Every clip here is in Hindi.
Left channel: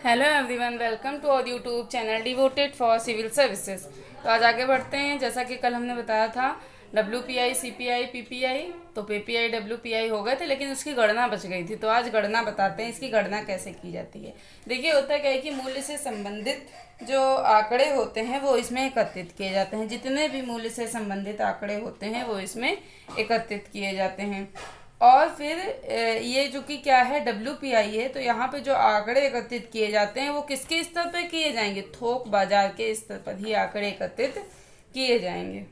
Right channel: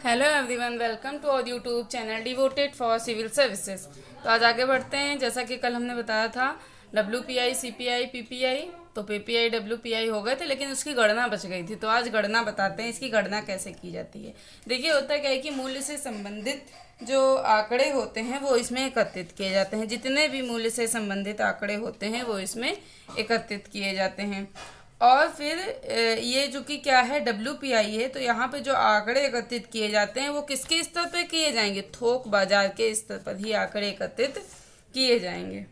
Hello everyone, welcome to our YouTube channel devoted for civil services. तो आज आगे बढ़ते हैं। जैसा कि कल हमने बताया था WPI, CPI, PPI, तो PPI WPI हो गए थे, लेकिन उसकी गणना बच गई थी। तो आज गणना बताते हैं, इसकी गणना कैसे की जाती है। देखिए, होता क्या है कि मूल्य से संबंधित जो आंकड़े होते हैं वो इसमें एकत्रित किए जाते हैं। जितने भी मूल्य से संबंधित आंकड़े होते हैं वो इसमें एकत्रित किए जाते हैं। और फिर ये जो कि क्या है, WPI है, तो यहाँ पे जो आंकड़े एकत्रित किए जाते हैं वो किसके स्तर पे किए जाएंगे? थोक बाजार के स्तर पर ही आंकड़े एकत्रित किए जाएंगे।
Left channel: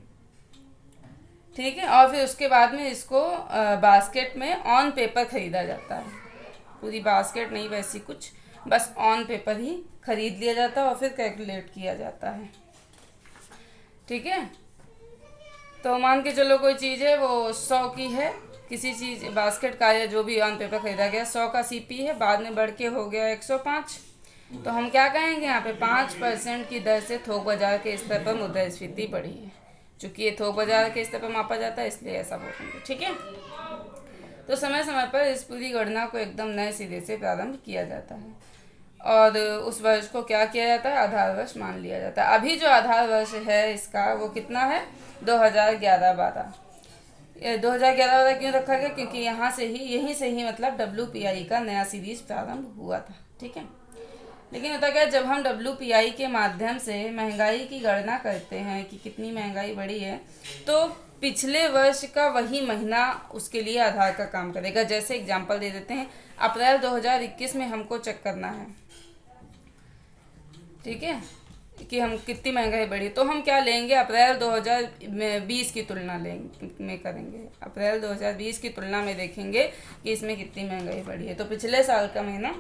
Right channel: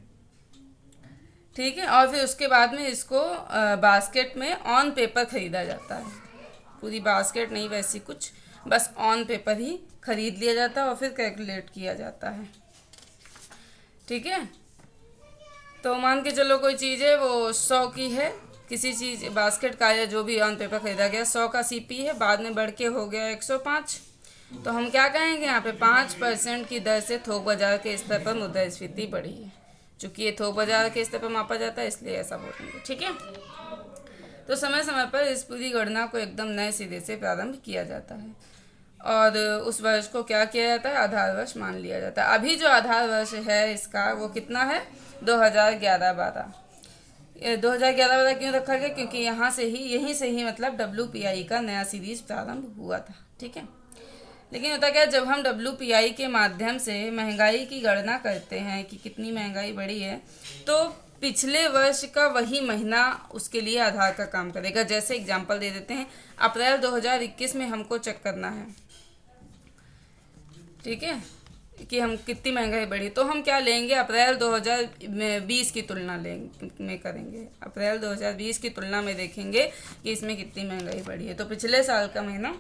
ठीक है। और फिर उसके बाद में इसको बास्केट में ऑन पेपर खरीदा जाता है। पूरी बास्केट नहीं, वैसी कुछ, बस ऑन पेपर ही खरीद लिया जाता है और फिर कैलकुलेट किया जाता है। ठीक है। तो मान के चलो कोई चीज़ है वो 100 की है, किसी चीज़ बास्केट का या जो भी ऑन पेपर खरीदा गया 100 का CP है, बाद में बढ़ के हो गया 105। तो हम क्या कहेंगे, यहाँ पे 5% की दर से थोक बाजार के स्तर पर मुद्रास्फीति बढ़ी है। चूंकि ये थोक बाजार के स्तर पर मापा जाता है, इसलिए ऐसा बोलेंगे। ठीक है। तो समय समय पर इस पूरी गणना को एकदम नए सिरे से प्रारंभ किया जाता है और उस वर्ष को क्या किया जाता है, आधार वर्ष मान लिया जाता है। अभी जो आधार वर्ष है इसका वो कितना है, 2011-12। 2011 क्यों रखा गया? क्योंकि यहीं से ही मतलब WPI का नया सीरीज प्रारंभ हुआ था। ठीक है। लेकिन होता क्या, जब हम WPI के माध्यम से महंगाई की गणना करते हैं कि कितनी महंगाई बढ़ी है, तो पिछले वर्ष का वही महीना उसके लिए आधार का काम करेगा। जैसे एग्जांपल दे देते हैं, अप्रैल 2021 में हमको चेक करना है, ठीक है, कि हम कितनी महंगाई बढ़ी, तो हम क्या लेंगे, अप्रैल 2020 की तुलना में करेंगे। अप्रैल 2020 की तुलना में देखेंगे कि इसमें कितनी महंगाई बढ़ी है, तो पिछले साल का महीना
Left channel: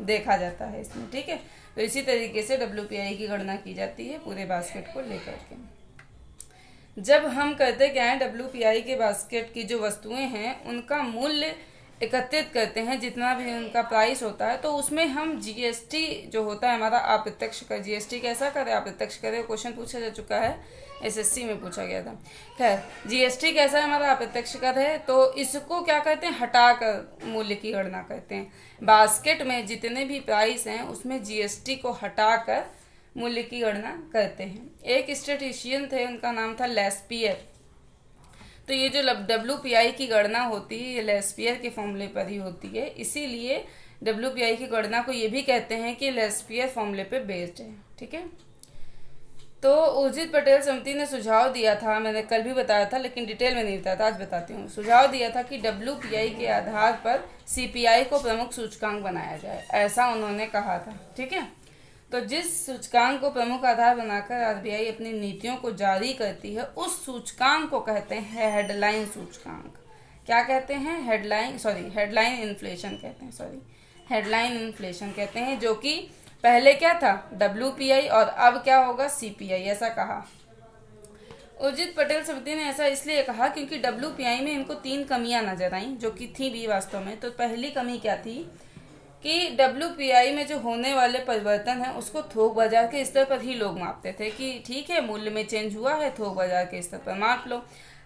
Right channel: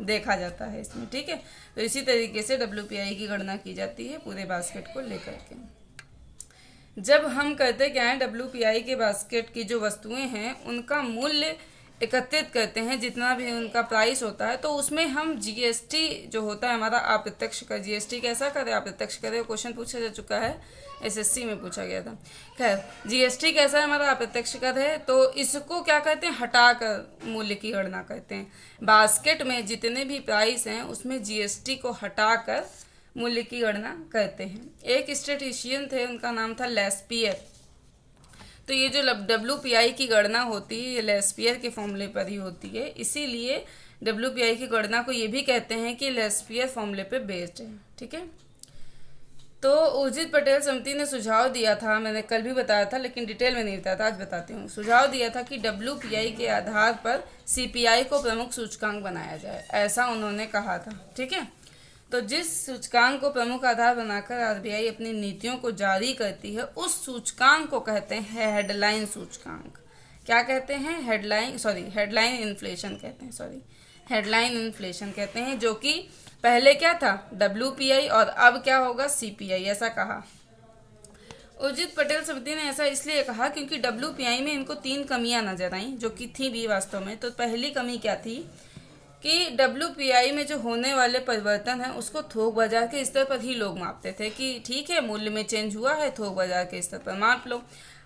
देखा जाता है इसमें। ठीक है। तो इसी तरीके से WPI की गणना की जाती है पूरे बास्केट को लेकर के। जब हम करते क्या है, WPI के बास्केट की जो वस्तुएं हैं उनका मूल्य एकत्रित करते हैं, जितना भी उनका प्राइस होता है, तो उसमें हम GST जो होता है हमारा अप्रत्यक्ष कर, GST कैसा करे, अप्रत्यक्ष करे, क्वेश्चन पूछा जा चुका है, SSC में पूछा गया था। खैर, GST कैसा है, हमारा अप्रत्यक्ष कर है, तो इसको क्या कहते हैं, हटाकर मूल्य की गणना करते हैं। बास्केट में जितने भी प्राइस हैं उसमें GST को हटाकर मूल्य की गणना करते हैं। एक स्टेटिशियन थे, उनका नाम था लेस्पियर। तो ये जो WPI की गणना होती है ये लेस्पियर के फॉर्मूले पर ही होती है, इसीलिए WPI की गणना को ये भी कहते हैं कि लेस्पियर फॉर्मूले पे बेस्ड है। ठीक है। तो उर्जित पटेल समिति ने सुझाव दिया था, मैंने कल भी बताया था लेकिन डिटेल में नहीं बताया था, आज बताती हूँ। सुझाव दिया था कि WPI के आधार पर CPI को प्रमुख सूचकांक बनाया जाए, ऐसा उन्होंने कहा था। ठीक है। तो जिस सूचकांक को प्रमुख आधार बनाकर RBI अपनी नीतियों को जारी करती है, उस सूचकांक को कहते हैं हेडलाइन सूचकांक। क्या कहते हैं, हेडलाइन इन्फ्लेशन कहते हैं, हेडलाइन इन्फ्लेशन कहते हैं, जो कि पहले क्या था, WPI, और अब क्या होगा, CPI, ऐसा कहा। उर्जित पटेल समिति ने ऐसा इसलिए कहा क्योंकि WPI में इनको 3 कमियां नजर आई, जो कि थी भी वास्तव में। तो पहली कमी क्या थी कि WPI में जो होने वाले परिवर्तन है उसको थोक बाजार के स्तर पर ही लोग मापते थे कि ठीक है, मूल्य में चेंज हुआ है, थोक बाजार के स्तर पर माप लो।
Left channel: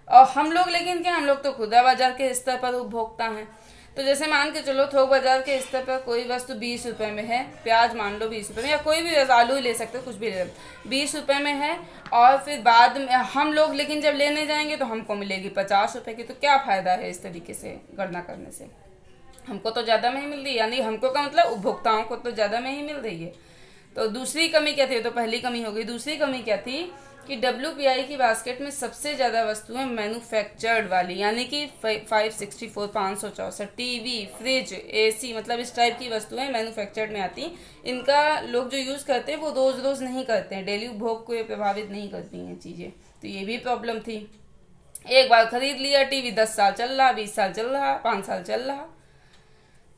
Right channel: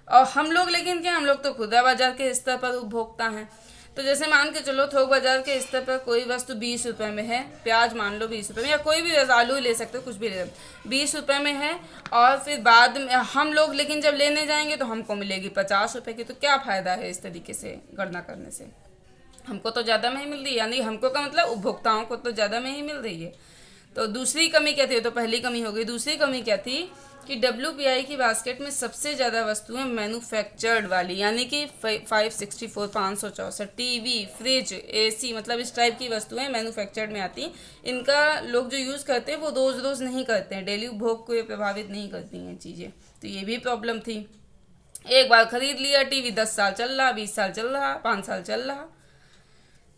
और हम लोग, लेकिन क्या, हम लोग तो खुदरा बाजार के स्तर पर उपभोक्ता हैं। तो जैसे मान के चलो, थोक बाजार के स्तर पर कोई वस्तु 20 रुपये में है, प्याज मान लो 20 रुपये में, या कोई भी आलू ही ले सकते हो, कुछ भी ले, 20 रुपये में है, और फिर बाद में हम लोग लेकिन जब लेने जाएंगे तो हमको मिलेगी 50 रुपये की। तो क्या फ़ायदा है इस तरीके से गणना करने से, हमको तो ज़्यादा में ही मिल रही है, यानी हमको का मतलब उपभोक्ताओं को तो ज़्यादा में ही मिल रही है। तो दूसरी कमी क्या थी, तो पहली कमी हो गई। दूसरी कमी क्या थी कि WPI की बास्केट में सबसे ज़्यादा वस्तुएं मैन्युफैक्चर्ड वाली, यानी कि 564, 564, TV, फ्रिज, AC, मतलब इस टाइप की वस्तुएं मैन्युफैक्चर्ड में आती। इनका लोग जो यूज़ करते हैं वो रोज़ रोज़ नहीं करते हैं, डेली उपभोग को ये प्रभावित नहीं करती हैं चीज़ें। तो ये भी प्रॉब्लम थी। एक बार खरीद लिया TV, 10 साल चल रहा, 20 साल चल रहा, 5 साल चल रहा।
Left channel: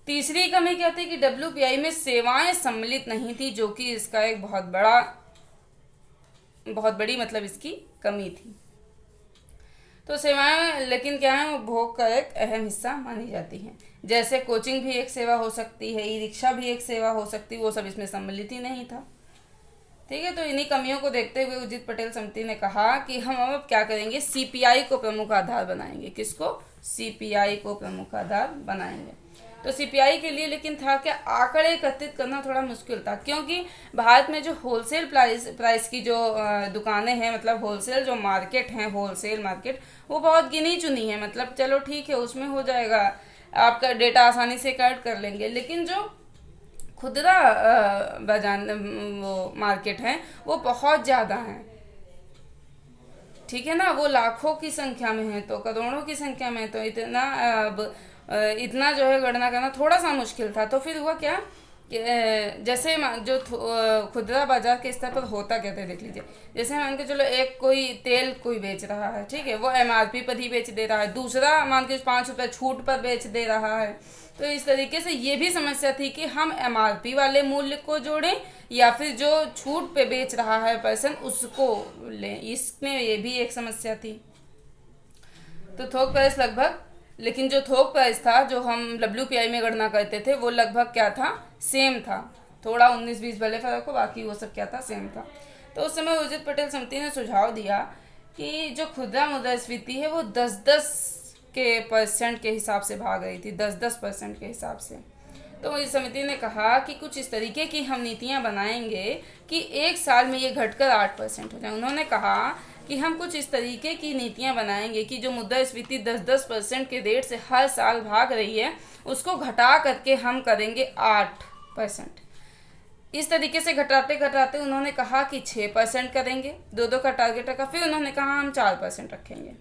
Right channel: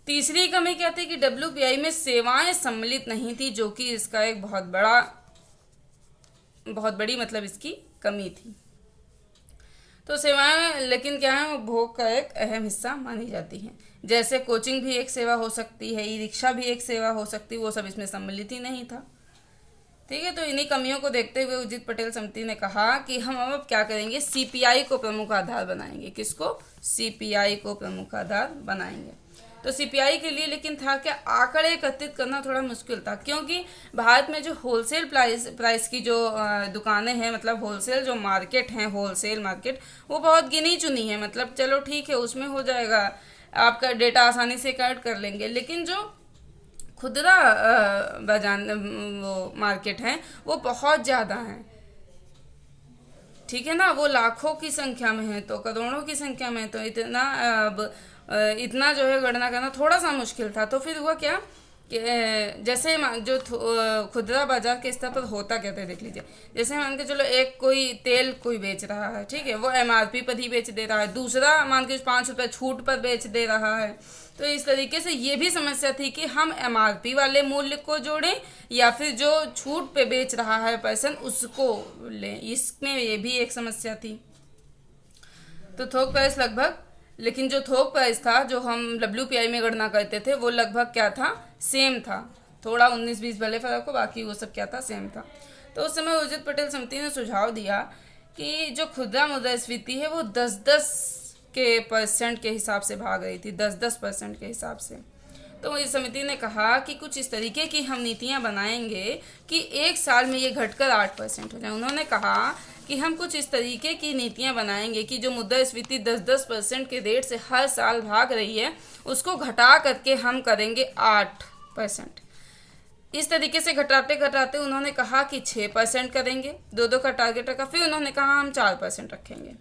तीसरी कमी क्या थी कि WPI में सेवाएं सम्मिलित नहीं थी, जो कि इसका एक बहुत बड़ी मतलब इसकी कमी थी। तो सेवाएं लेकिन क्या है, उपभोग का एक अहम हिस्सा मानी जाती हैं। जैसे कोचिंग भी एक सेवा हो सकती है, ई-रिक्शा भी एक सेवा हो सकती है, वो सब इसमें सम्मिलित ही नहीं था। ठीक है। तो इन्हीं कमियों को देखते हुए उर्जित पटेल समिति ने कहा कि हम अब क्या करेंगे, CPI को प्रमुख आधार बनाएंगे। किसको, CPI को प्रमुख आधार बनाएंगे। तो सीपीआई के लिए लेकिन था क्या, आंकड़े एकत्रित करना थोड़ा मुश्किल था, क्योंकि भारत में जो होलसेल प्राइस की जो दुकानें हैं, मतलब होलसेल जो मार्केट हैं, होलसेल मार्केट, वो बहुत गिनी चुनी है। मतलब चलो ठीक है, उसमें हो जाएगा, आपका डेटा आसानी से कलेक्ट कर लेंगे। लेकिन जो खुदरा बाजार वो मार्केट है वो बहुत ज़्यादा है, ठीक है ना, वो लाखों की संख्या में है, तो करोड़ों की संख्या में है, तो इतना इतना जो है गणना करना थोड़ा सा मुश्किल था। तो फिर हुआ क्या कि जैसे जो खुदरा बाजार के स्तर पर होता क्या था, देख लीजिए। जैसे मान के चलो, एक कोई तेल कोई बेच रहा है, ठीक है, वो एमआरपी पर ही बेच दे रहा है, दूसरा मान के 5 रुपये छूट पर बेच दे रहा है। तो इस तरीके से ये भी समस्या थी कि हम एमआरपी वाले मूल्य को जोड़ें या फिर जो छूट पे बेच रहा है पर्सन उसको लें, इसमें ये भी एक समस्या थी। तो थोक प्राइस लगभग, लेकिन जो थोक प्राइस था जो हम WPI में गणना करते थे वो लगभग क्या था, सेम था। थोड़ा 19-20 भले फर्क हो, बाकी वो सब क्या था, सेम था। तो उस समय उर्जित पटेल समिति ने सुझाव दिया कि जो खुदरा मुद्रास्फीति है वो 10-10 के % के हिसाब से भाग रही थी, 10-10% के हिसाब से। तो इस समिति ने कहा कि कुछ इस तरीके की हम नीतियां बनाएंगे कि एक साल में ये घटकर 8% हो जाए। उन्होंने कहा कि हम कुछ इस तरीके की नीतियां बनाएंगे कि जो मुद्रास्फीति 10-10% के रेट से हर साल भाग रही है उसको घटा करके हम करेंगे 8%। इस तरीके से घटाते घटाते उन्होंने कहा कि 6% करेंगे, 2-2 का टारगेट रखा। फिर उन्होंने कहा हम 4% रखेंगे।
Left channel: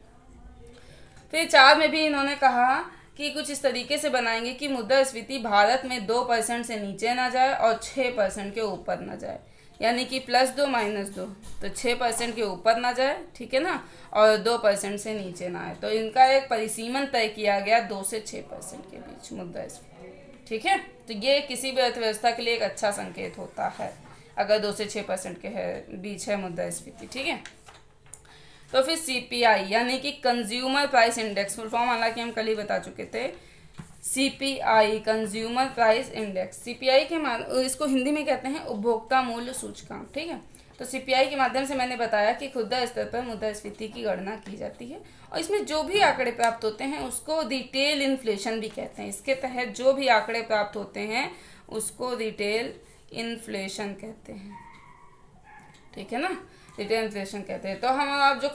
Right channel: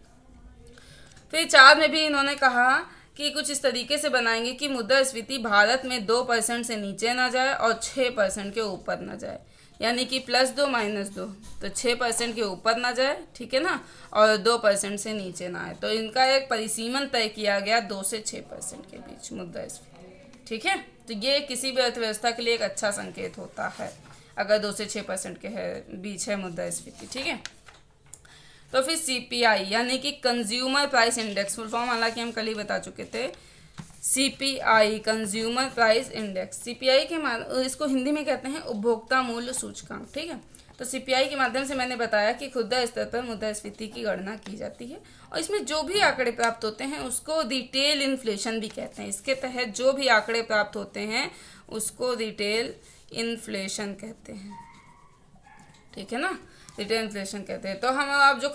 फिर 4 में भी इन्होंने कहा कि कुछ इस तरीके से बनाएंगे कि मुद्रास्फीति भारत में 2% से नीचे ना जाए और 6% के ऊपर ना जाए, यानी कि +2 -2, तो 6% के ऊपर ना जाए, ठीक है ना, और 2% से नीचे ना आए। तो इनका एक परिसीमन तय किया गया 2 से 6% के बीच मुद्रास्फीति, ठीक है। तो ये किसी भी अर्थव्यवस्था के लिए एक अच्छा संकेत होता है अगर 2 से 6% के बीच है मुद्रास्फीति, ठीक है। तो फिर सीपीआई यानी कि consumer price index, full form हालांकि हम कल ही बता चुके थे, CPI consumer price index. CPI के इसको हिंदी में कहते हैं उपभोक्ता मूल्य सूचकांक, ठीक है। तो सीपीआई के माध्यम से मैंने बताया कि खुदरा स्तर पर मुद्रास्फीति की गणना की जाती है और इसमें जो भी आंकड़े प्राप्त होते हैं उसको रिटेल इन्फ्लेशन भी कहते हैं। इसके तहत जो भी आंकड़े प्राप्त होते हैं उसको रिटेल इन्फ्लेशन कहते हैं, ठीक है ना, रिटेल इन्फ्लेशन कहते हैं। तो हम अब जो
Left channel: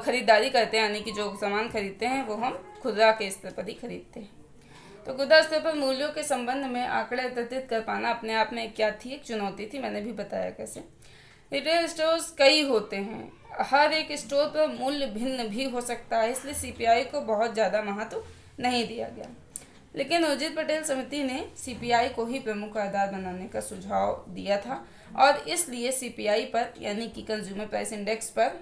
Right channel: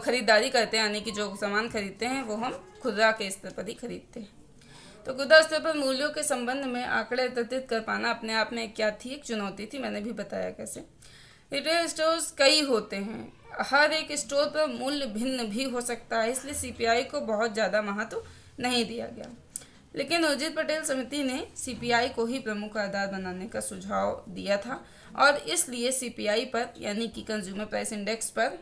खरीदारी करते हैं, यानी कि जो सामान खरीदते हैं वो हम खुदरा के स्तर पर ही खरीदते हैं। तो खुदरा स्तर पर मूल्यों के संबंध में आंकड़े एकत्रित कर पाना अपने आप में क्या थी, एक चुनौती थी। मैंने भी बताया कैसे। रिटेल स्टोर्स कई होते हैं, हर एक स्टोर पर मूल्य भिन्न भी हो सकता है, इसलिए सीपीआई को बहुत ज़्यादा महत्व नहीं दिया गया। लेकिन उर्जित पटेल समिति ने सीपीआई को ही प्रमुख आधार बनाने का सुझाव दिया था और इसलिए सीपीआई पर यानी कि कंज्यूमर प्राइस इंडेक्स पर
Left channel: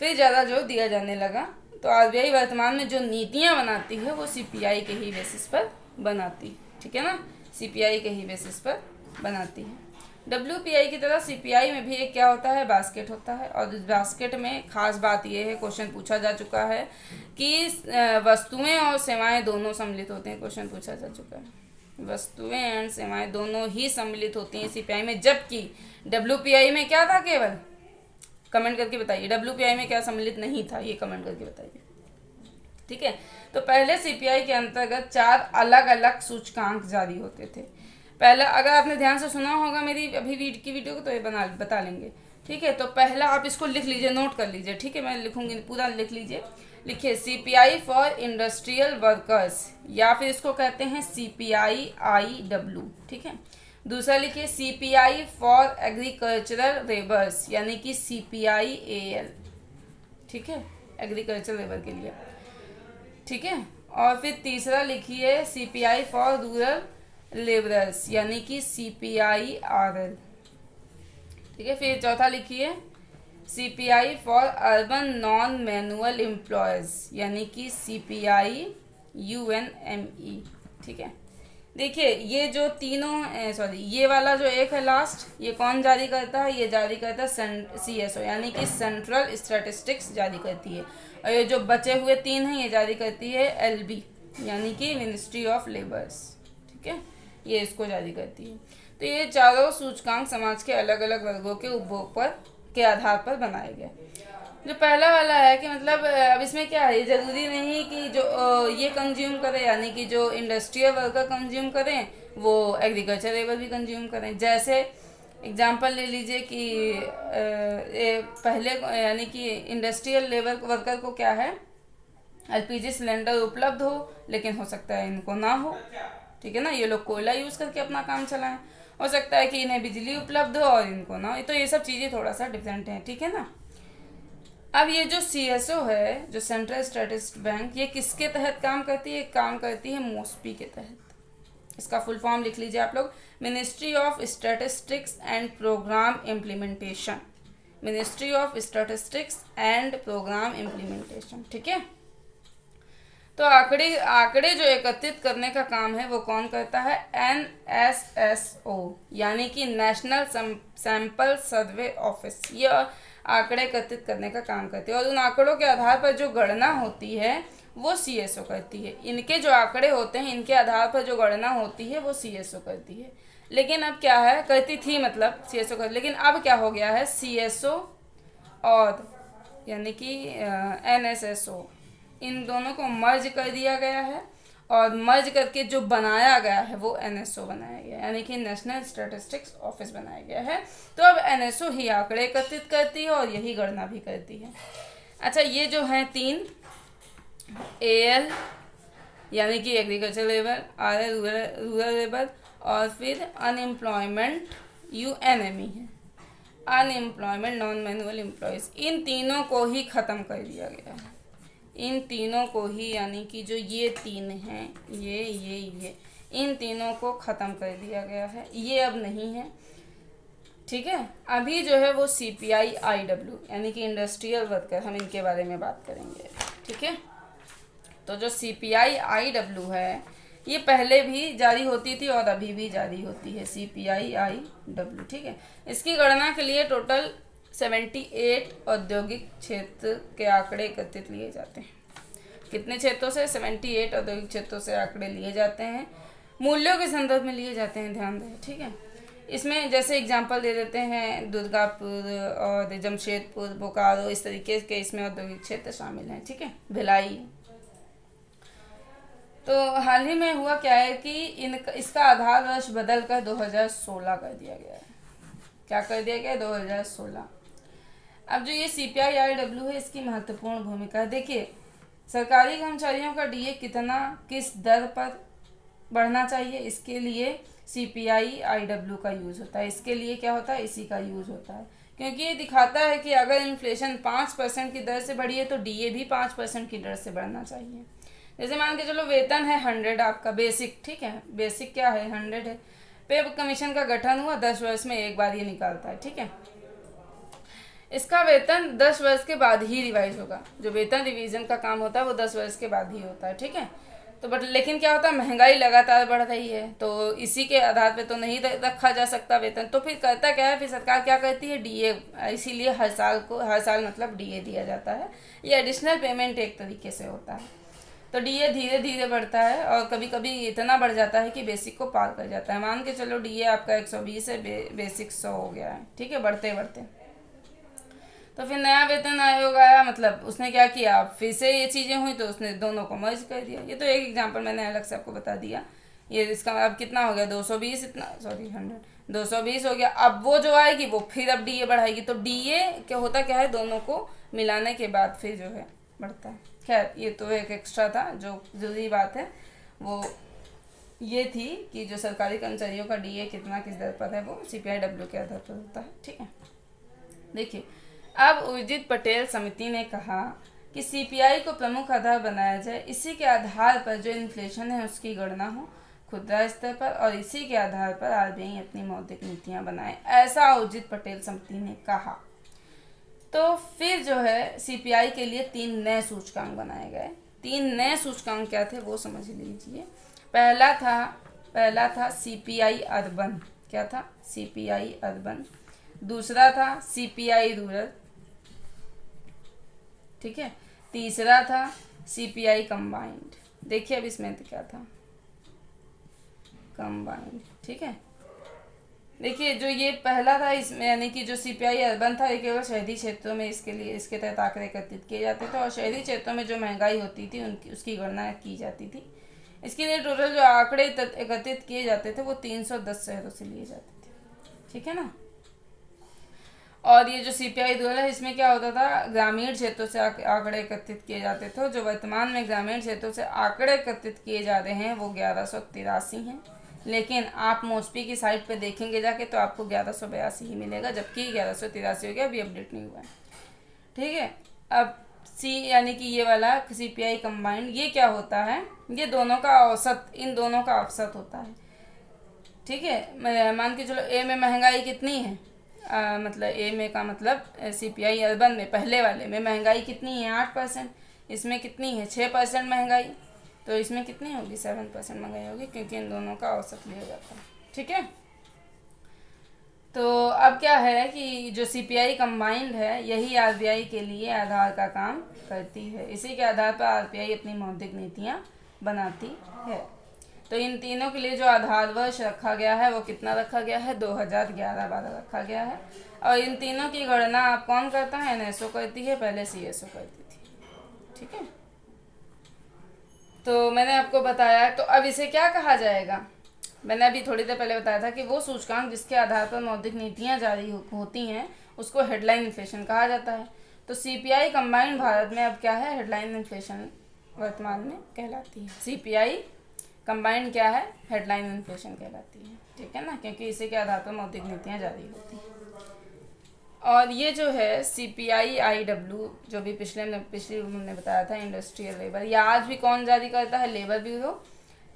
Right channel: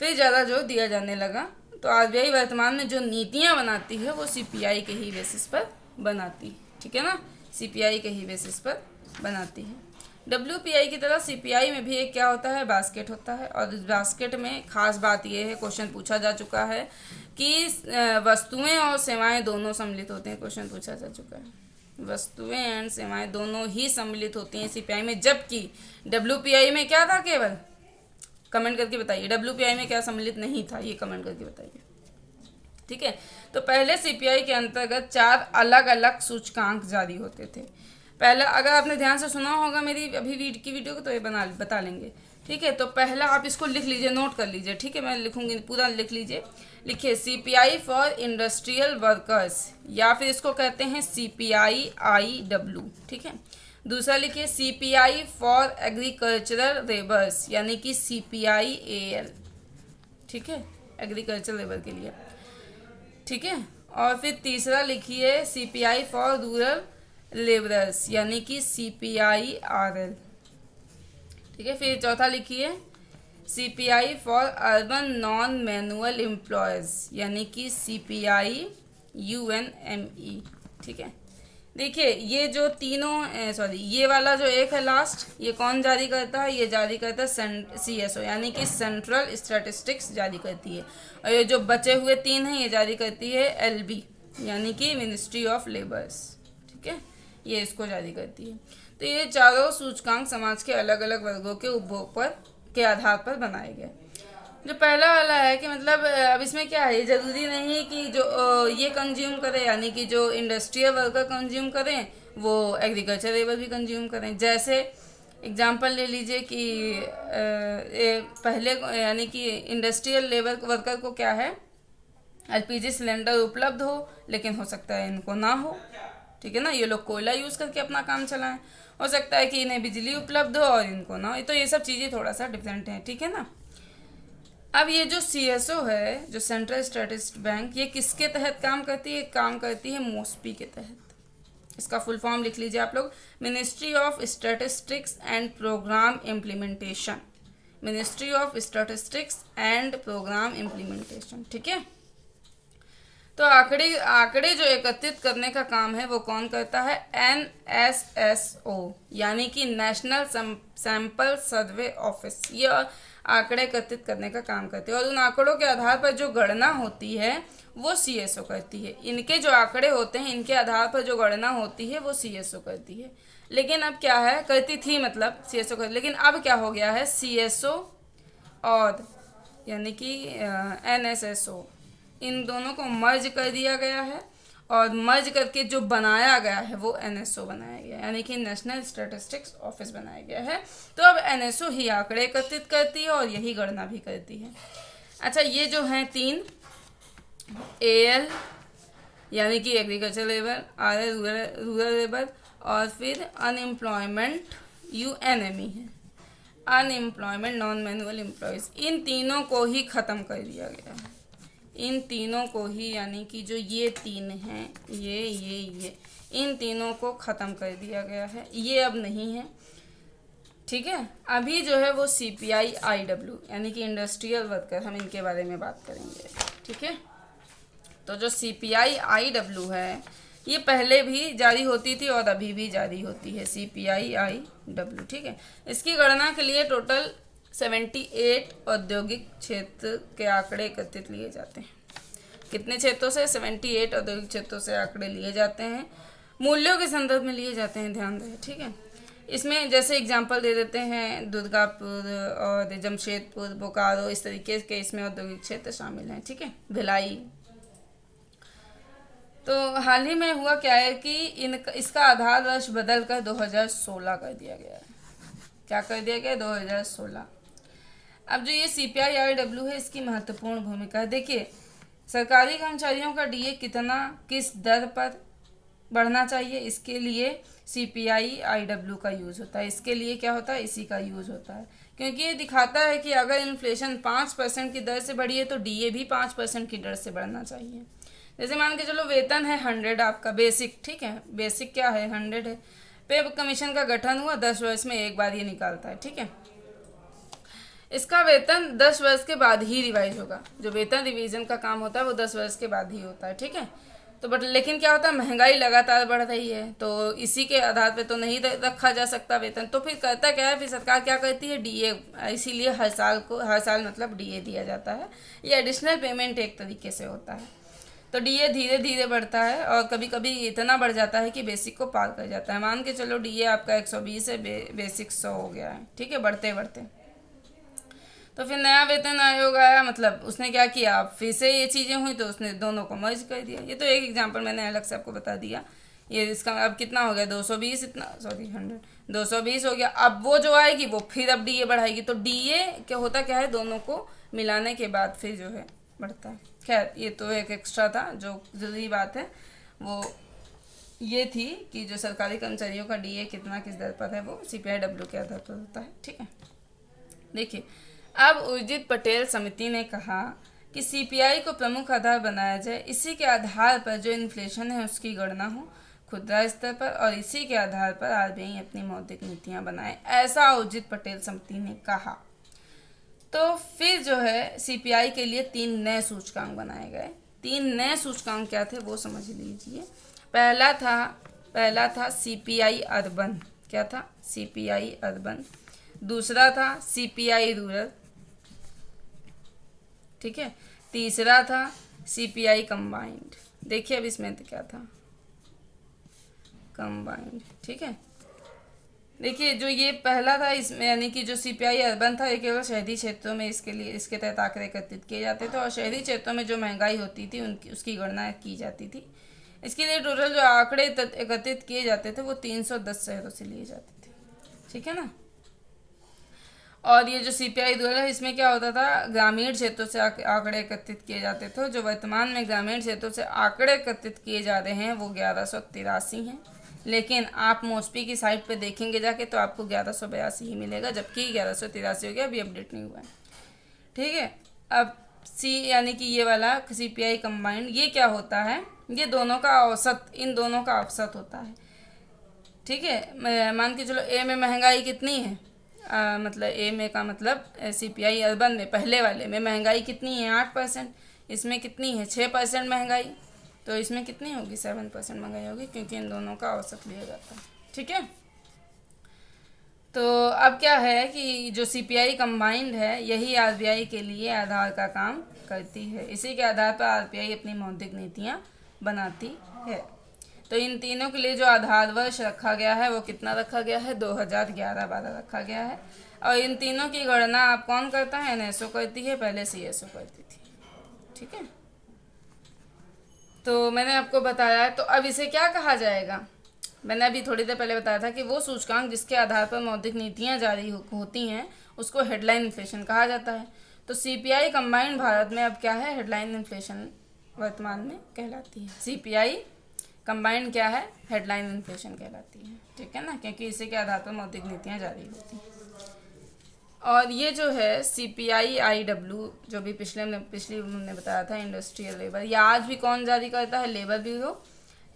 फिर ज़्यादा जोर दिया जाने लगा। तो आरबीआई वर्तमान में जो नीतियाँ बनाती है वो सीपीआई के ही बेसिस पर बनाती है, ठीक है ना, सीपीआई के ही बेसिस पर बनाती है। WPI की तरह सीपीआई में भी एक क्या होता है, बास्केट होता है। और इस बास्केट में खास बात यह है, क्वेश्चन पूछा जा चुका है कि वस्तुएं और सेवाएं दोनों सम्मिलित होते हैं। क्वेश्चन पूछा जा चुका है, वस्तुएं एंड सेवाएं दोनों ही सम्मिलित होती हैं सीपीआई में, जबकि WPI में क्या था, केवल कमेंट करके बताइए WPI में क्या सम्मिलित नहीं था, ये कमेंट करके बताइए, ठीक है। तो पहले सीपीआई के अंतर्गत 4 अलग अलग सूचकांक जारी होते थे। पहला, अगर आपने ध्यान से सुना होगा मेरी अभी की वीडियो को तो ये बता लेंगे, ठीक है। तो पहला आप इसको लिख लीजिए, नोट कर लीजिए, ठीक है, मैं लिखूंगी, पूरा लिख लीजिए। लिखिए सीपीआई फॉर इंडस्ट्रियल वर्कर्स, या फिर इसको कहते हैं CPI-IW, ठीक है। दूसरा लिखिए CPI फॉर एग्रीकल्चरल लेबर्स, यानी कि CPI-AL, ठीक है, एग्रीकल्चरल लेबर के लिए, ठीक है। और फिर तीसरा लिखिए CPI फॉर रूरल लेबरर्स, यानी कि CPI-RL, ठीक है। फिर चौथा लिखिए CPI for urban non manual employees, यानी कि CPI-UNME, ठीक है। देखिए ये जो तीनों ये वाला जो एक है लास्ट, ये कौन जारी करता है, ये जारी करता है CSO, यानी कि सेंट्रल स्टैटिस्टिक्स जारी करती है। और ये जो बचे हुए 3 हैं ये जारी करती है LB, यानी कि मिनिस्ट्री ऑफ लेबर्स, ठीक है, ये इसको जारी करती है। तो ये चारों सूचकांक समाज के अलग अलग वर्गों के उपभोग पर के आधार पर बनाए गए। जो पहला वाला है कि मतलब अब इसमें क्या है, ज़रूरी नहीं कि जो ये कंज्यूम करें, यानी कि जो इंडस्ट्रियल वर्कर कंज्यूम करें वो एग्रीकल्चर लेबर भी कंज्यूम करें। जैसे एग्जांपल ले लीजिए कि पहले यानी कि इंडस्ट्रियल लेबर वर्कर को क्या है, एलपीजी सिलेंडर उपलब्ध हो, लेकिन हो सकता है इनको ना हो, ठीक है ना, ये लोग कोयला यूज़ करके अपना काम चलाएं। हो सकता है कि इन्हें बिजली उपलब्ध हो और इनको ना हो, तो ये सब चीज़ें थोड़ा सा डिफरेंट हैं, ठीक है ना। अब ये जो सीएसओ है, जो सेंट्रल स्टैटिस्टिक्स बैंक, ये किसके तहत काम करती है? काम करती है मोस्पी के तहत। इसका फुल फॉर्म लिख लीजिए आप लोग, ministry of statistics and programme implementation. Ministry of statistics and programme implementation, ठीक है। तो आंकड़े आंकड़े जो एकत्रित करने का काम है वो कौन करता है? एनएसएसओ, यानी कि नेशनल सैंपल सर्वे ऑफिस, ये आंकड़े एकत्रित करने का काम करती है। और उन आंकड़ों के आधार पर जो गणना होती है वो सीएसओ करती है। इनके जो आंकड़े होते हैं, इनके आधार पर जो गणना होती है वो सीएसओ करती है। लेकिन अब क्या है, करती थी मतलब सीएसओ कर, लेकिन अब क्या हो गया है, सीएसओ और यानी कि एनएसएसओ, इन दोनों को मर्ज कर दिया गया है, और मर्ज करके जो बनाया गया है वो एनएसओ बनाया गया है, यानी कि नेशनल स्टैटिस्टिक्स ऑफिस बनाया गया है। तो अब एनएसओ ही आंकड़े एकत्रित करती है और यही गणना भी करती है। अच्छा, ये जो हैं तीन, एएल यानी कि agriculture labour, RL rural labour, और फिर अनएम्प्लॉयमेंट यूएनएमई है, अनएम्प्लॉयमेंट नॉन मैनुअल एम्प्लॉयज, इन तीनों को ही ख़त्म कर दिया गया है। इन तीनों को ही, यानी कि जो ये तीन हैं, ये इन तीनों को ख़त्म कर दिया गया है, ये अब नहीं है, ठीक है। अभी जो है वो सीपीआई आईडब्ल्यू यानी कि इंडस्ट्रियल वर्कर, हम इनके बारे में बात करेंगे, ठीक है। तो जो सीपीआई आईडब्ल्यू है ये पहले भी जारी होती थी और अभी भी जारी होती है, सीपीआई आईडब्ल्यू, ठीक है। इसकी गणना के लिए टोटल 78 औद्योगिक क्षेत्र के आंकड़े एकत्रित लिए जाते हैं। कितने क्षेत्रों से? 78 औद्योगिक क्षेत्रों से आंकड़े लिए जाते हैं, मूल्यों के संदर्भ में लिए जाते हैं, ध्यान दें, ठीक है। इसमें जैसे एग्जांपल दे देते हैं, दुर्गापुर और जमशेदपुर, बोकारो, इस तरीके के इसमें औद्योगिक क्षेत्र शामिल हैं, ठीक है, भिलाई। तो हाल ही में हुआ क्या है कि इसका आधार वर्ष बदल कर 2016 कर दिया गया है। क्या कर दिया गया? 2016। अब जो ये सीपीआई आईडब्ल्यू है, इसकी महत्वपूर्ण भूमिका है। देखिए, सरकारी कर्मचारियों का डीए कितना, किस दर पर बढ़ना चाहिए, इसके लिए सीपीआई आईडब्ल्यू का यूज़ होता है। इसके लिए क्या होता है? इसी का यूज़ होता है, क्योंकि ये दिखाता है कि अगर इन्फ्लेशन 5% की दर से बढ़ी है तो डीए भी 5% की दर से बढ़ना चाहिए। जैसे मान के चलो, वेतन है 100 आपका बेसिक, ठीक है, बेसिक क्या है? 100 है। पे कमीशन का गठन हुआ, 10 वर्ष में एक बार ये निकालता है, ठीक है। इसका वेतन 10 वर्ष के बाद ही रिवाइज होगा। जो वेतन रिवीजन का काम होता है वो 10 वर्ष के बाद ही होता है, ठीक है। तो बट लेकिन क्या होता है, महंगाई लगातार बढ़ रही है, तो इसी के आधार पे तो नहीं रखा जा सकता वेतन। तो फिर करता क्या है, फिर सरकार क्या करती है, डीए, इसीलिए हर साल मतलब डीए दिया जाता है। ये एडिशनल पेमेंट एक तरीके से होता है। तो डीए धीरे धीरे बढ़ता है और कभी कभी इतना बढ़ जाता है कि बेसिक को पार कर जाता है। मान के चलो डीए आपका 120 है, बेसिक 100 हो गया है, ठीक है, बढ़ते बढ़ते। तो फिर नया वेतन आयोग आया, मतलब उसने क्या किया, फिर से ये चीज़ें हुई तो उसने दोनों को मर्ज कर दिया। ये तो एक एग्जांपल मैंने अलग से आपको बता दिया। ये इसका अब कितना हो गया, 220, इतना 100 220 हो गया। अब वो जो आएगी वो फिर अब डीए बढ़ाएगी। तो डीए क्या होता क्या है, दोनों को मिलाने के बाद फिर जो है बढ़ता है। खैर, ये तो एक एक्स्ट्रा था, जो जरूरी बात है वो ये थी कि जो सरकारी कर्मचारियों का डीए कितना किस दर पर है वो सीपीआईडब्ल्यू के आधार पर होता है, ठीक है। देखिए, अब उर्जित पटेल समिति ने कहा कि सीपीआई को प्रमुख आधार बनाया जाए, इसी के आधार पर जो इन्फ्लेशन है उसकी गणना हो खुदरा स्तर पर, और इसी के आधार पर आरबीआई अपनी मौद्रिक नीतियां बनाए, ऐसा उर्जित पटेल समिति ने कहा। तो फिर जो है सीपीआई के लिए 3 नए सूचकांक बनाए गए। 3 नए सूचकांक क्या थे वो समझ लीजिए। पहला था सीपीआई अर्बन। क्या था? CPI urban. दूसरा था सीपीआई रूरल, ठीक है। तीसरा था सीपीआई कंबाइंड। देखिए अब इसमें तो क्या था, कंबाइंड, ठीक है। देखिए जो ये पहला था इसमें यानी कि जो सीपीआई अर्बन था ये केवल शहरी क्षेत्रों में इसके लिए इसके तहत आंकड़े एकत्रित किए जाते थे और शहरी क्षेत्रों में जो महंगाई होती थी उनकी उसकी गणना की जाती थी। इसके लिए टोटल जो आंकड़े एकत्रित किए जाते थे वो 310 शहरों से लिए जाते थे, ठीक है ना। और ये जो सीपीआई दर है इसमें क्या होता था, ग्रामीण क्षेत्रों से आंकड़े एकत्रित किए जाते थे। जो वर्तमान में ग्रामीण क्षेत्रों से आंकड़े एकत्रित किए जा रहे हैं वो 1183 हैं, लेकिन आप मोस्पी की साइट पे देखेंगे जाके तो आपको 1182 ही मिलेगा, जबकि 1183 हो गया, अभी अपडेट नहीं हुआ है, ठीक है। अब सी यानी कि ये वाला सीपीआई कंबाइंड ये क्या होता है, ये दोनों का औसत, इन दोनों का औसत होता है, ठीक है। मान के चलो ए में महंगाई कितनी है, मतलब ए में का मतलब सीपीआई अर्बन में पहले वाले में महंगाई कितनी है 8%, इसमें कितनी है 6% महंगाई, तो इसमें कितनी होगी 7% महंगाई होगी, क्योंकि इन दोनों का औसत लिया जाता है, ठीक है। तो अब क्या है कि जो सीपीआई कंबाइंड है यही आरबीआई के लिए आधार का काम करती है। इसी के आधार पर आरबीआई अपनी मौद्रिक नीतियाँ बनाती है। तो इन तीनों के लिए जो आधार वर्ष रखा गया है वो कितना रखा गया है, 2011-12 रखा गया है। और इन तीनों की गणना आप कौन करता है, एनएसओ करती है, पहले सीएसओ करती थी, ठीक है। तो मैंने आपको बताया, तो अब इसे क्या कहा जाएगा, मैंने अभी थोड़ी देर पहले बताया था कि वो सूचकांक जिसके आधार पर मौद्रिक नीतियाँ जारी होती हैं उसको हेडलाइन इन्फ्लेशन कहा जाता है। तो सीपीआई कंबाइंड भारत में अब क्या है, हेडलाइन इन्फ्लेशन वर्तमान में कहलाती है। सीपीआई कंबाइंड क्या है, हेडलाइन इन्फ्लेशन कहलाती है, ठीक है ना, क्योंकि इसी के आधार पर मौद्रिक नीतियाँ जारी होती हैं। और ये जो है सीपीआई आईडब्ल्यू जो भी पिछली हमने बताया था, इंडस्ट्रियल लेबर, ये आज भी कौन जारी करता है, लेबर ब्यूरो,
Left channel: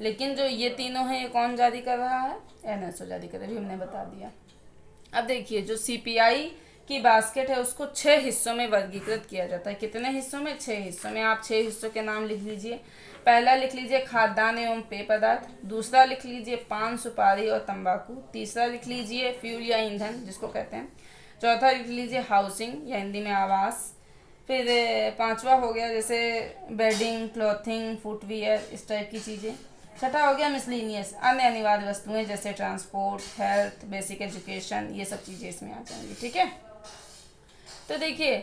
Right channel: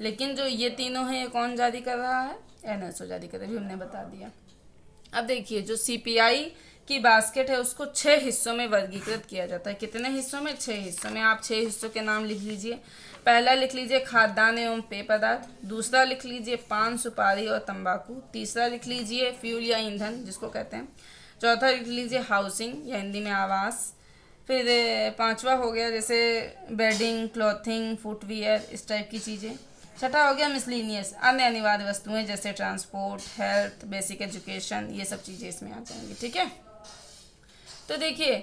लेकिन जो ये तीनों हैं ये कौन जारी कर रहा है, एनएसओ जारी कर रहा है, हमने बता दिया। अब देखिए जो सीपीआई की बास्केट है उसको 6 हिस्सों में वर्गीकृत किया जाता है। कितने हिस्सों में, 6 हिस्सों में। आप 6 हिस्सों के नाम लिख लीजिए। पहला लिख लीजिए खाद्यान्न एवं पेय पदार्थ, दूसरा लिख लीजिए पान, सुपारी और तंबाकू, तीसरा लिख लीजिए फ्यूल या ईंधन जिसको कहते हैं, चौथा लिख लीजिए हाउसिंग या हिंदी में आवास, फिर पांचवा हो गया जैसे बेडिंग, क्लॉथिंग, फुटवियर, इस टाइप की चीज़ें। छठा हो गया मिसलिनियस, अन्य अनिवार्य वस्तुएं जैसे ट्रांसपोर्ट, हेल्थ, बेसिक एजुकेशन, ये सब चीज़ें इसमें आ जाएंगी, ठीक है। तो देखिए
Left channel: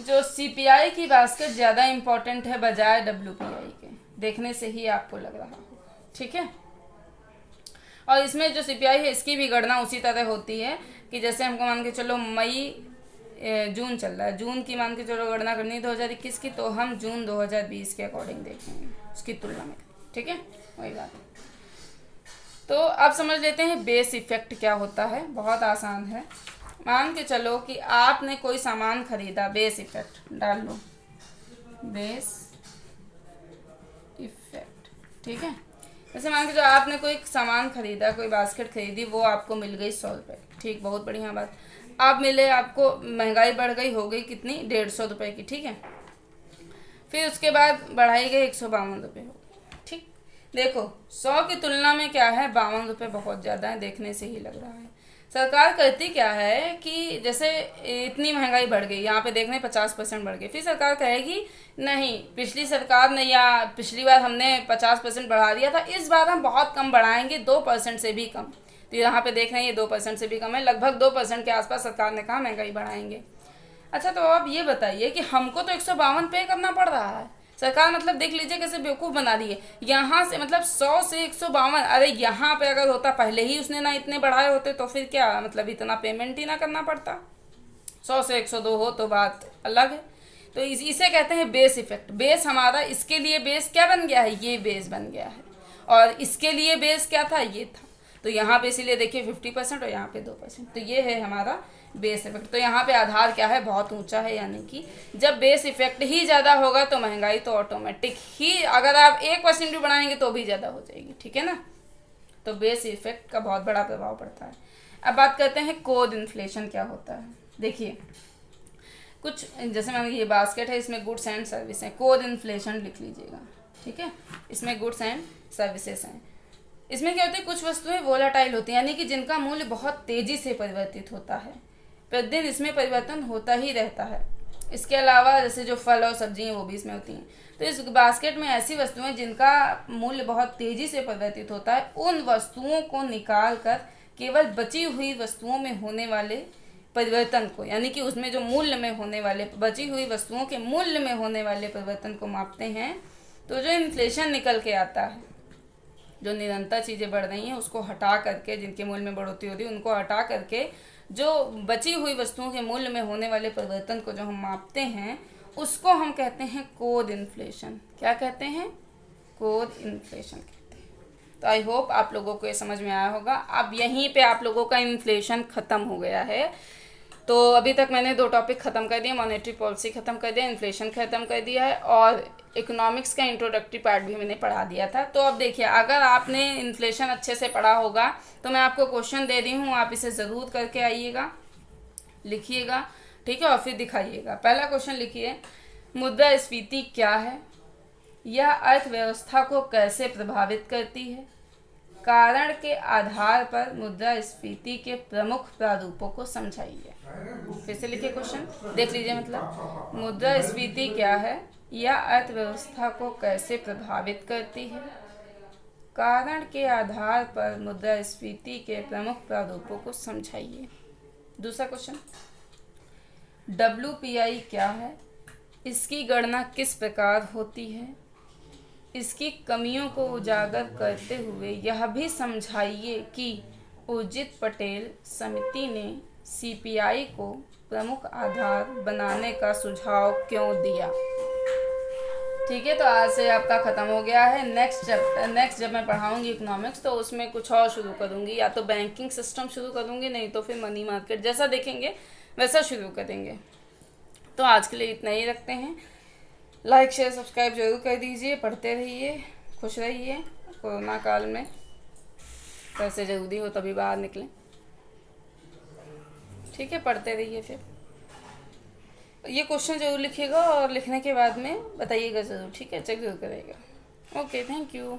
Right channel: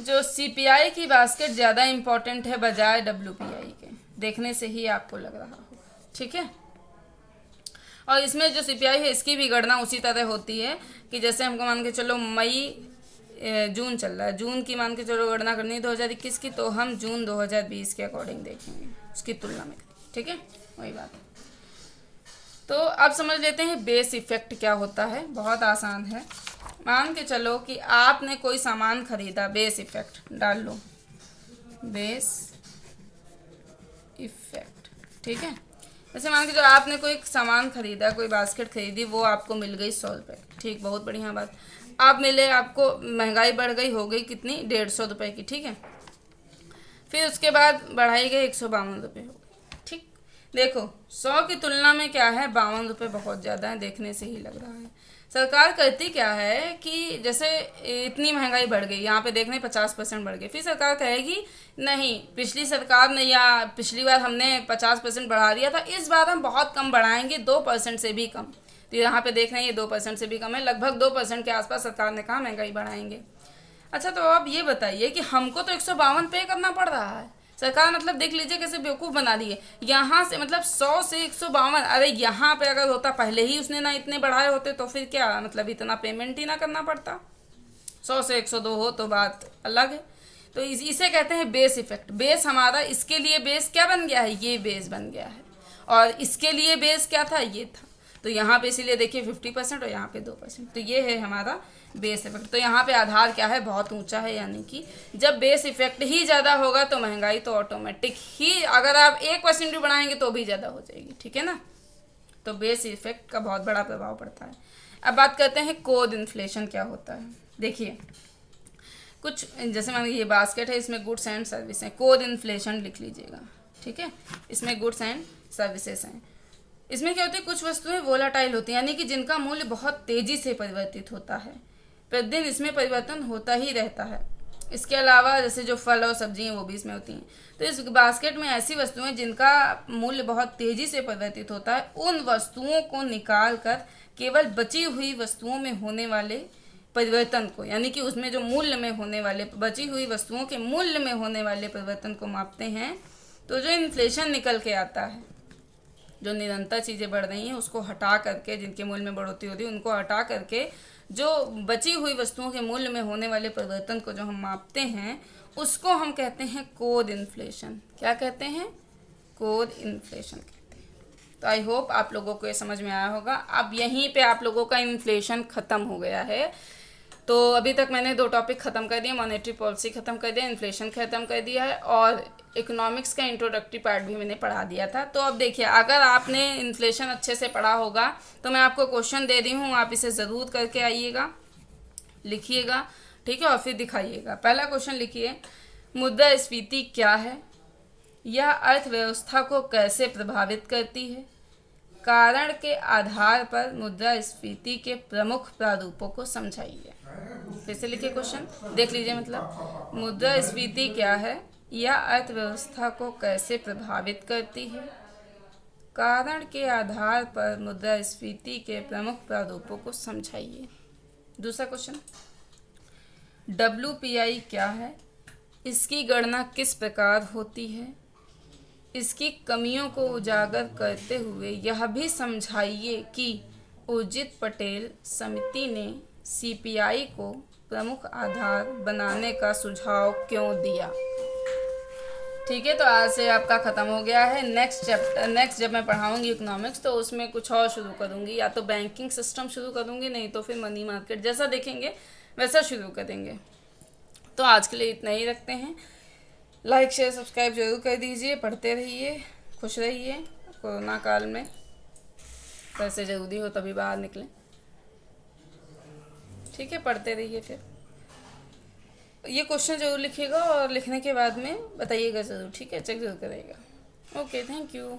जो सीपीआई की बास्केट ज़्यादा इम्पोर्टेंट है बजाय डब्ल्यूपीआई के, देखने से ही आपको लग रहा होगा, ठीक है। और इसमें जो सीपीआई है इसकी भी गणना उसी तरह होती है कि जैसे हमको मान के चलो जून चल रहा है, जून की मान के चलो गणना करनी है 2021 की, तो हम जून 2020 के अकॉर्डिंग देखेंगे उसकी तुलना में, ठीक है, वही बात। तो अब समझ लेते हैं बेस इफेक्ट क्या होता है, बहुत आसान है। मान के चलो कि आपने कोई सामान खरीदा, बेस इफेक्ट डाल लो, बेस इफेक्ट, ठीक है। जैसे मान के चलो आपने कोई सामान खरीदा, कोई बास्केट खरीदी, वो आपको मिल गई 100 रुपये, ठीक, बहुत बढ़िया बात। अब मिले आपको, महंगाई बढ़ गई, हो गई कितनी, 150 रुपये की, ठीक है। फिर उसके बाद बढ़ाई गई 152 रुपये हो गई, ठीक। देखो 100 की तुलना में क्या है, 52 रुपये बहुत ज़्यादा है, देखने से ही लग रहा है। सरकार करती क्या है कि जैसे इतनी महंगाई बढ़ गई, यहाँ पे देखने 50% बढ़ गई, फिर सरकार कहेगी नहीं, पिछली सरकार ने या पिछली बार हमने 50% बढ़ा दिया था, इस बार हम बहुत कम बढ़ाएंगे, 2% से भी कम। तो यहाँ पे देख रहे हैं ये 2% से भी कम है, लगभग 2% के आसपास सरकार ने कहा महंगाई बढ़ाएंगे। अच्छा तो आप ये बताइए कि हमको तो 152 पे करना पड़ रहा है, सरकार मतलब देख लीजिए कैसे बेवकूफ़ बना दी है। यहाँ से मतलब 100 से 152, अरे यहाँ पे अगर होता पहले ही उसने ना इतने बढ़ाए होते तो फिर क्या मतलब इतना पेमेंट ही ना करना पड़ता, 100 से 102 हो तो बात अलग है। तो इसे कहते हैं बेस इफेक्ट। बेस हमारा, इसके लिए बेस क्या बन गया है, ये बेस बन गया है, और इसके लिए बेस क्या था, ये था। तो यहाँ पे इसीलिए देखिए 50% और यहाँ पे 2%, तो ये है हमारा बेस इफेक्ट। तो यहाँ पे आधार क्या है, बहुत ऊंचा है, यानी कि जब बेस इफेक्ट ही ज़्यादा होगा तो महंगाई तो ऑटोमेटिक ही, अगर आप 1% भी बढ़ाएंगे तो भी ज़्यादा हो जाएगी, ठीक है ना। तो बेस इफेक्ट का बहुत बड़ा प्रभाव पड़ता है। अब बात करते हैं कोर इन्फ्लेशन क्या होता है। देखिए कुछ जैसे मैंने ये बास्केट है, इसमें गुड्स एंड सर्विस है, कोर इन्फ्लेशन लिख लीजिएगा, ठीक है। इसमें गुड्स एंड सर्विसेज हैं। इसमें क्या होता है, कुछ वस्तुएं वोलाटाइल होती हैं, यानी कि जिनका मूल्य बहुत तेज़ी से परिवर्तित होता है, प्रतिदिन इसमें परिवर्तन होता ही रहता है। इसके अलावा जैसे जो फल और सब्जियां वो भी इसमें होती हैं। तो इस बास्केट में ऐसी वस्तुएं जिनका मूल्य बहुत तेज़ी से परिवर्तित होता है, उन वस्तुओं को निकाल कर केवल बची हुई वस्तुओं में होने वाले परिवर्तन को, यानी कि उसमें जो मूल्य में होने वाले, बची हुई वस्तुओं के मूल्य में होने वाले परिवर्तन को मापते हैं, तो जो इन्फ्लेशन निकल के आता है, जो निरंतर चीज़ें बढ़ रही हैं उसको हटा करके, जिनके मूल्य में बढ़ोतरी हो रही है उनको हटा करके जो बची हुई वस्तुओं के मूल्य में होने वाले परिवर्तन को जो हम मापते हैं, उसको हम कहते हैं कोर इन्फ्लेशन। क्या कहते हैं? कोर इन्फ्लेशन कहते हैं। तो आई होप आप लोगों को ये समझ में आया होगा। अब यहीं पे आप लोगों का इन्फ्लेशन ख़त्म हो गया है। तो अभी तक मैंने 2 टॉपिक ख़त्म कर दिए, मॉनेटरी पॉलिसी ख़त्म कर दिया, इन्फ्लेशन ख़त्म कर दिया है, और इकोनॉमिक्स का इंट्रोडक्टरी पार्ट भी मैंने पढ़ा दिया था। तो अब देखिए, अगर आपने इन्फ्लेशन अच्छे से पढ़ा होगा तो मैं आपको क्वेश्चन दे रही हूँ, आप इसे ज़रूर करके आइएगा, लिखिएगा, ठीक है, और फिर दिखाइएगा। पहला क्वेश्चन लिखिए, मुद्रास्फीति क्या है? यह अर्थव्यवस्था को कैसे प्रभावित करती है? कारण के आधार पर मुद्रास्फीति के प्रमुख प्रारूपों को समझाइए। फिर से लिखिए क्वेश्चन, देख लीजिए। मतलब मुद्रास्फीति क्या है, यह अर्थव्यवस्था को कैसे प्रभावित करती है, कारण के आधार पर मुद्रास्फीति के प्रमुख प्रारूपों को समझाइए। दूसरा क्वेश्चन, WPI क्या है, इसकी गणना किस प्रकार होती है, इसकी कमियों को उजागर करते हुए यह भी समझाइए कि उर्जित पटेल समिति ने CPI को प्रमुख आधार बनाने का सुझाव क्यों दिया। ठीक है, तो आज से आपका ख़त्म हो गया है। नेक्स्ट जब मैं पढ़ाऊंगी इकोनॉमिक्स तो उसमें कुछ और शुरू करूंगी, या तो बैंकिंग सिस्टम शुरू करूंगी, नहीं तो फिर मनी मार्केट, जैसा देखेंगे वैसा शुरू करेंगे। तो आज के लिए इतना ही रखते हैं। लाइक शेयर सब्सक्राइब जरूर कर दीजिए, पढ़ते रहिए, खुश रहिए। कोरोना काल में पैसे ज़रूरी हो तभी बाहर निकलें, ठीक है, पढ़ते रहिए। फिर ये क्वेश्चन जरूर लिखिएगा और लिखने के बाद में बताइएगा ज़रूर, ठीक है, चेक जरूर करिएगा। Okay, thank you.